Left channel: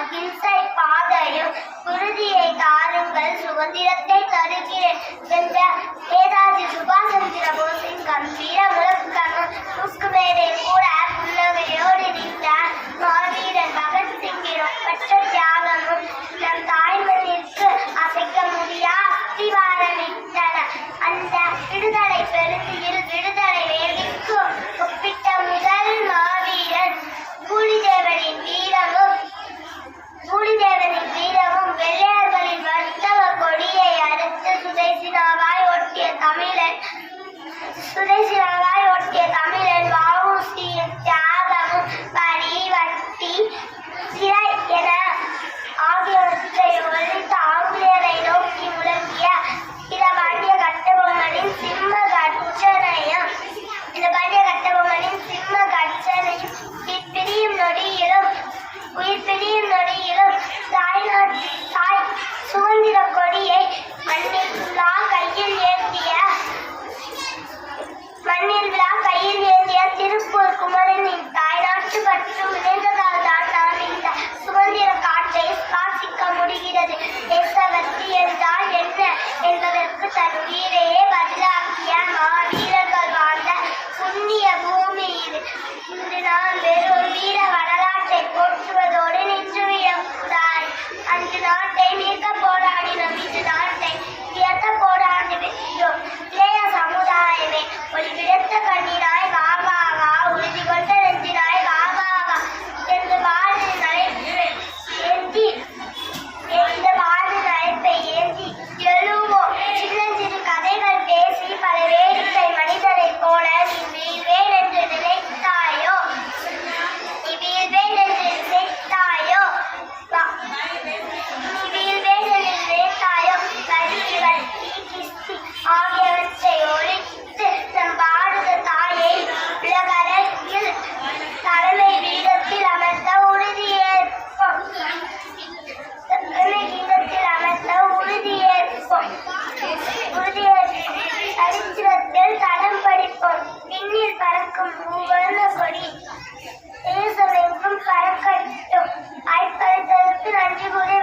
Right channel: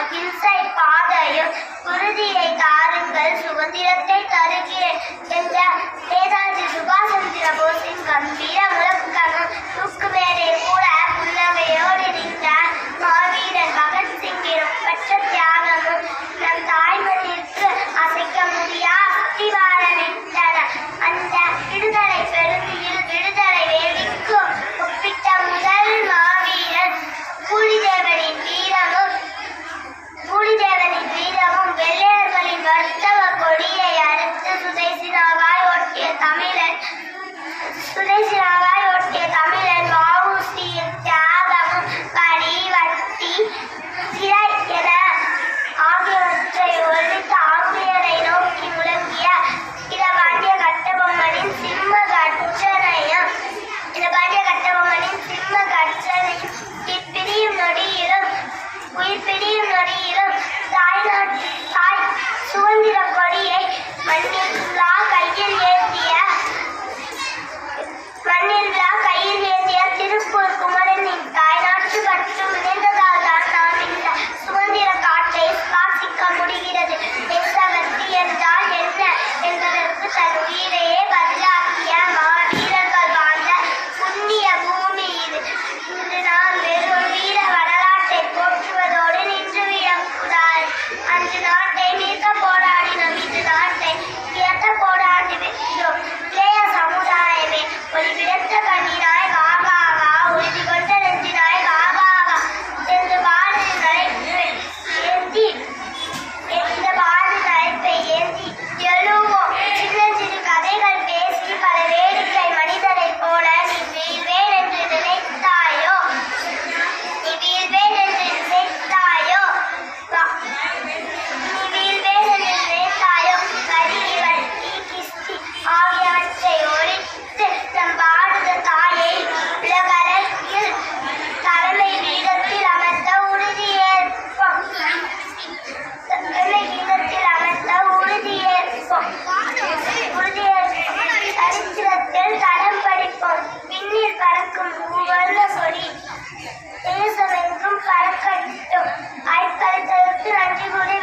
அகிம்சை பாதையும் உறுதியை தாருங்கள் சுதந்திரத்தை தருகிறேன் என்ற நேதாஜி சுபாஷ் சந்திர போஸின் கம்பீர முழக்கமும் தூக்குவேரை கூட புன்னகையோடு நின்ற மாவீரன் பகத்சிங்கின் ஒப்பற்ற தியாகமும் நம் தாய்மொழிக்கு அசைக்க முடியா அஸ்திவாரமிட்டன. அந்த விடுதலை பெருமையில் விடுதலை வேடிக்கும் ஒப்பிட்ட முதல் மாவீரன் பூலிதேவனின் வீரமும் வெள்ளையர்களின் வர்த்தக கொடியை அறுத்து சுதேசினாவாய் ஒட்டிய தமிழன் வ.உ.சி.யின் தியாகமும் வரி வட்டி சிறை என ஆகியவற்றை ஒழித்து ஆங்கிலேயரை நோக்கி முழங்கிய வீரபாண்டிய கட்டபொம்மனின் சிம்ம கர்ஜனையும் உயிர் பிரியும் நொடியிலும் தாய் சுதந்திர கொடியை மண்ணில் ஏந்திய திருப்பூர் குமரனின் தாய்நாட்டு கற்று முனைந்ததால் தான் நாம் இந்த சுதந்திர காற்றை சுவாசிக்க முடிகிறது. தேசபக்தி என்றால் என்ன என்பதற்கு தன் உயிரையே பதிலாக்கிய மாவீரர்கள் வாழ்ந்த புண்ணிய பூமி இது. இன்று நாம் வெறும் வீர வரலாற்றை போற்றுவதோடு நின்றுவிடக்கூடாது. அன்று நாட்டை மீட்க போராடினோம், இன்று நாட்டை உயர்த்த போராடி வென்றோம். இளைய சமுதாயமே ஒரு விடத்த கண்ணீராய் வாகாவா, உறுதி கொண்ட நெஞ்சினாய் வாகாவா என்று பாரதி நடைப்பை ஏந்தி எழுவோம். சின்னஞ்சிறு கதைகள் பேசி பல வேடிக்கை மனிதரை போல நீ வீழ்வேன் என்று நினைத்தாயோ கல்வி வட்டி கிஸ்தி ஆகியவற்றை ஒழித்து நம் பாரத தாயை உலகளவில் தலைமை பீடத்தில் அமர்த்த உறுதியேற்போம். சரித்திரத்தில் தடம் படிப்போம். விண்ணில் பறக்கும் பூவர்ண கொடி தேசமெங்கும் பறக்கட்டும். ஆய்கழித்தலுக்கு நன்றி கூறி